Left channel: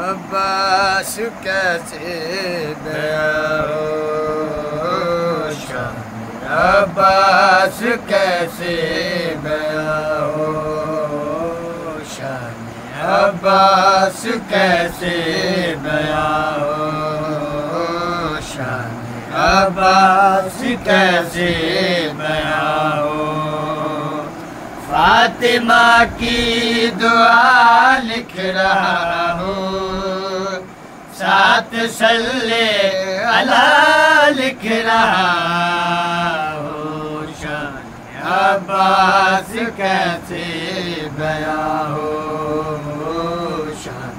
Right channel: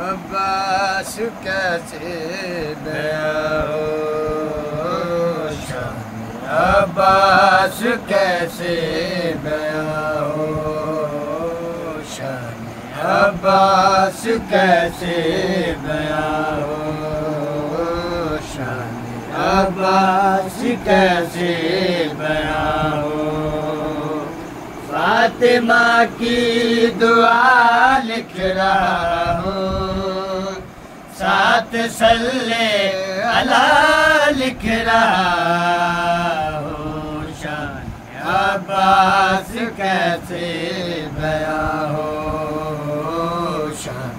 عباس کیسے گیا ہو شان عباس کیسے گیا ہو شان عباس کیسے گیا ہو شان عباس کیسے گیا ہو فاطمہ کی دعا لکھ رہا ہوں ساتھ صلی اللہ لکھ رہا ہوں شان عباس کیسے گیا ہو شان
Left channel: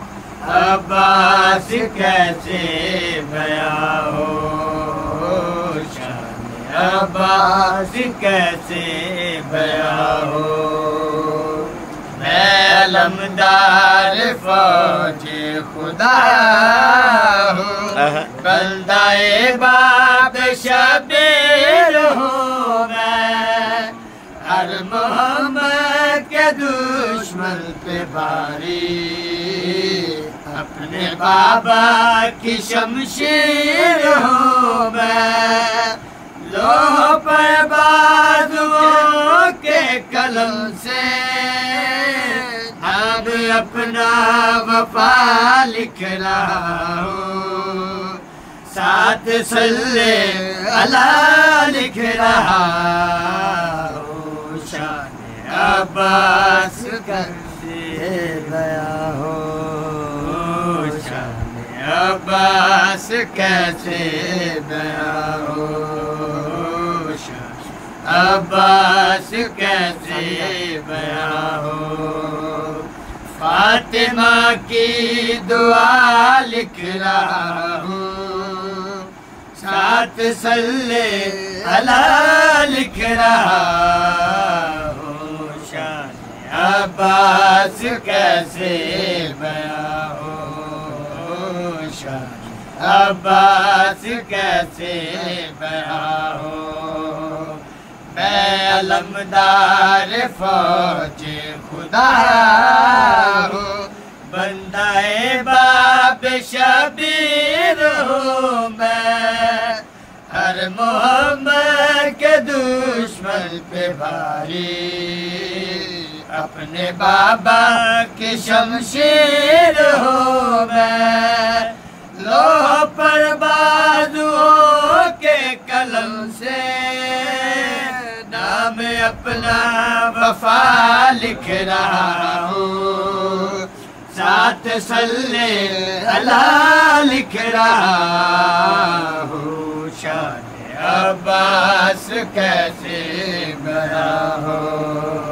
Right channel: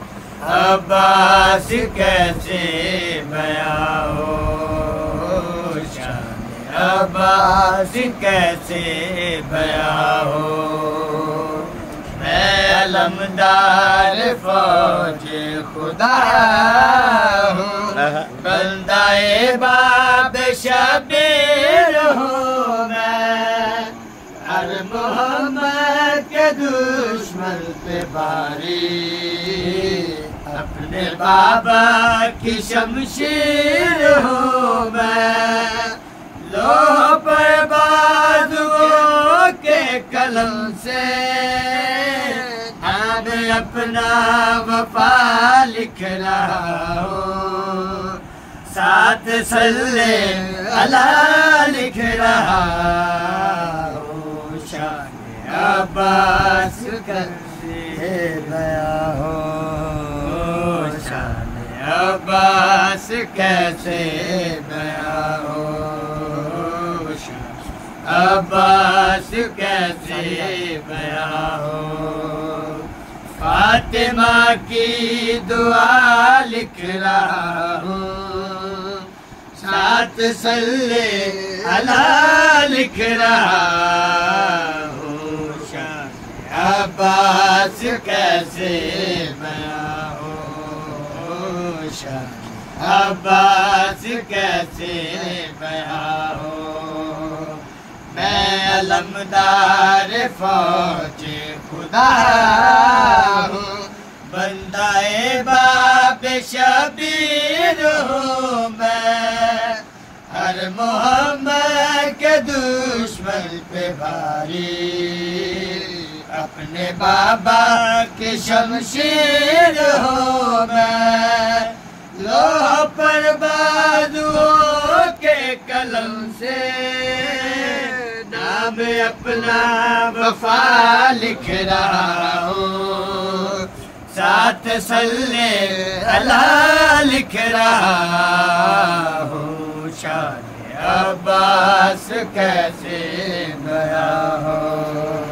عباس کیسے گیا ہو شان عباس کیسے گیا ہو میں علمدار فوج خدا ہوں بندہ باب شبیر ہوں میں ہر محمد کے دشمن پہ باری اپنے بابا کی شمشیر ہوں میں لوح پر بازوؤں کے قلم سے اب اپنا وفا لکھ رہا ہوں ساتھ صلی اللہ لکھ رہا ہوں شان عباس کیسے گیا ہو شان عباس کیسے گیا ہو عباس کیسے گیا ہو فاطمہ کی دعا لکھ رہا ہوں ساتھ صلی اللہ لکھ رہا ہوں شان عباس کیسے گیا ہو شان عباس کیسے گیا ہو میں علمدار فوج خدا ہوں بندہ باب شبیر ہوں میں ہر محمد کے دشمن پہ بھاری اپنے بابا کی شمشیر ہوں میں لوح پر بازوؤں کے قلم سے نام اپنا وفا لکھ رہا ہوں ساتھ صلی اللہ لکھ رہا ہوں شان عباس کیسے گیا ہو